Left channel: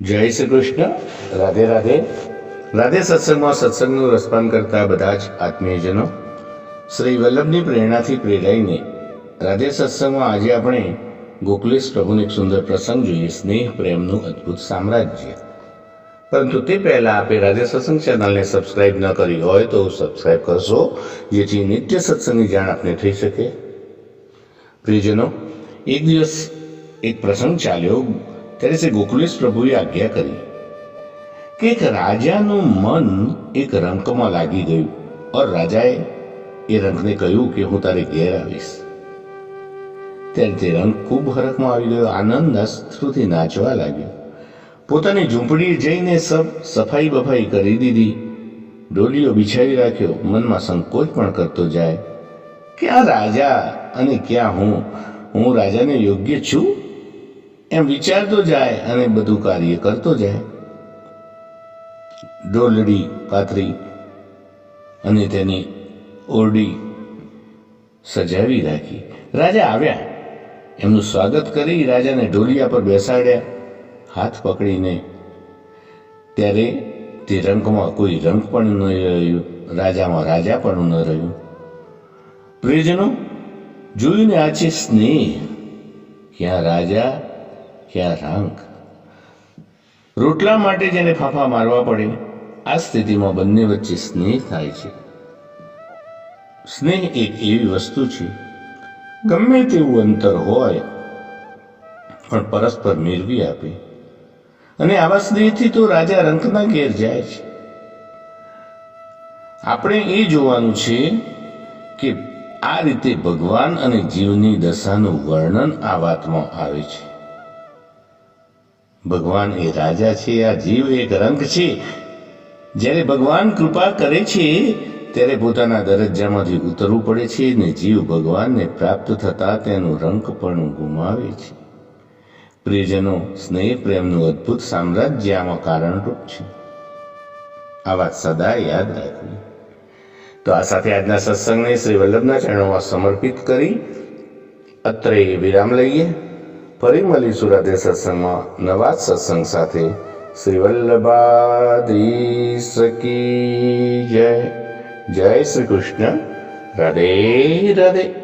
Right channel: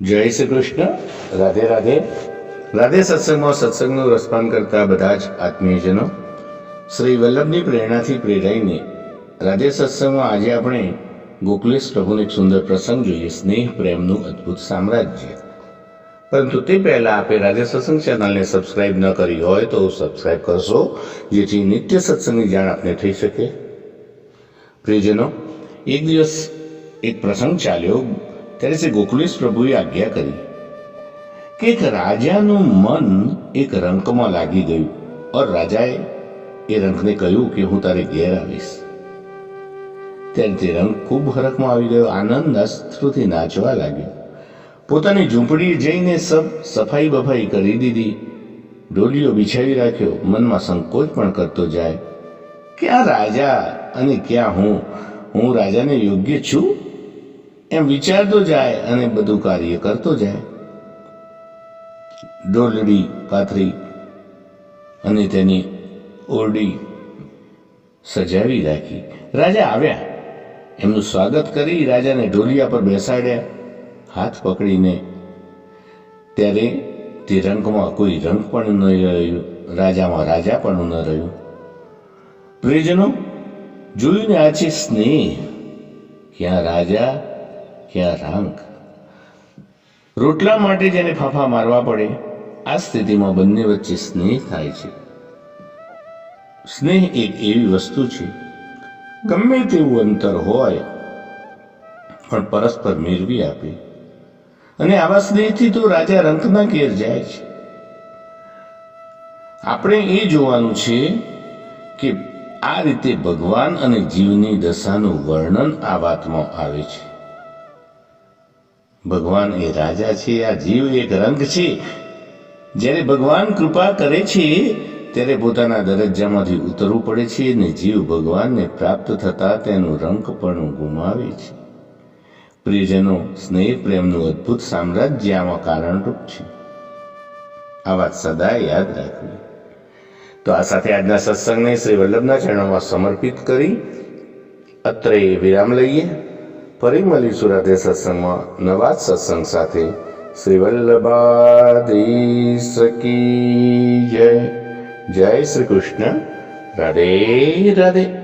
જય શ્રી કૃષ્ણ. રાધે રાધે. રાધે સત્સંગમાં સત્સંગનું રસપાન કરતા બધા જ આત્મીયજનો, શ્રી વલ્લભની પ્રેરણાથી પ્રેરાઈને રાધે સત્સંગમાં આજે આપણે ગોકુલેશ પ્રભુનો એક સુંદર પ્રસંગ જોઈએ, સ્નેહ પ્રેમનું અદ્ભુત સામ્રાજ્ય. પરંતુ તે પહેલાં આપે રાધે સત્સંગ ચેનલને સબસ્ક્રાઈબ ન કરી હોય તો સબસ્ક્રાઈબ કરશો, જેથી નિત્ય સત્સંગની જાણ આપને થઈ શકે. પ્રિયજનો, એક દિવસ એક પ્રસંગ ચાલ્યો. ત્યારે શ્રી ગોકુલેશ પ્રભુએ આજ્ઞા કરી કે એક રાજાનું મન એક રંકમાં લાગી ગયું. ઓર રાજાએ એ રંકને કહ્યું કે હું તારે ઘેર આવીશ. ત્યારે તે રંક ખૂબ હરખમાં આવી ગયો, આનંદ અશ્રુથી નાચવા લાગ્યો. પોતાની ઝૂંપડીએ જઈને સફાઈ બફાઈ કરી દીધી, ડોલીઓ બિછાવી રાખ્યો. મનમાં સંકોચ પણ કરતો જાય, ક્યાં રાજા અને ક્યાં હું રાજાને યોગ્ય છું એમ વિચારતો જાય અને બધું કાર્ય કરતો જાય. ડોલડી પાથરી અને તેની ઓરડી સજાવી રાખી. રાજા આવ્યા, એમનું સ્વાગત કરી રાજાને ઢોલિયા પર બેસાડ્યા હાથ પકડીને. ત્યારે તે રંકમાં કોઈ રંક પણ ન રહ્યું, રાજામાં રાજા પણ ન રહ્યું. પ્રિયજનો, જોયું ને, આ છે સ્નેહ. ક્યાં રાજા ક્યાં રાંક. રોટલા માટે જેને ફાંફા મારવા પડે, આ સ્થિતિમાં બંને વચ્ચે સ્નેહ થાય છે. સ્નેહ એક એવી વસ્તુ છે, ગમે તેવું અંતર હોય પણ પરસ્પર મેળવી આપે. અને આવા સ્નેહથી તો રાજા રંકના ઘેર જાય છે. આપણે એ જોવાનું છે કે આ રીતે ભગવાન અને જીવની દશાનું વર્ણન આ વાતમાં આવે છે. ભગવાન એ રાજા છે, આ જીવ એક રંક છે. જ્યારે ભગવાન કૃપા કરે છે ત્યારે પોતાના દરજ્જામાંથી ઉતરવું પડે છે ને જીવ ભગવાનને પ્રાપ્ત થતા તેનું રંક પણ ગુમાવે છે. પ્રિયજનો, સ્નેહ પ્રેમનું અદ્ભુત સામ્રાજ્ય આમાં કારણરૂપ છે. આ વાત સદા યાદ રાખવી. તો આ સાથે આજના સત્સંગને શ્રી વલ્લભના ચરણોમાં સમર્પિત કરી અત્રે વિરામ લઈએ. ફરી મળીશું રાધે સત્સંગમાં નવા સત્સંગ સાથે. શ્રી વલ્લભાધીશ કી જય. જય શ્રી કૃષ્ણ. રાધે રાધે.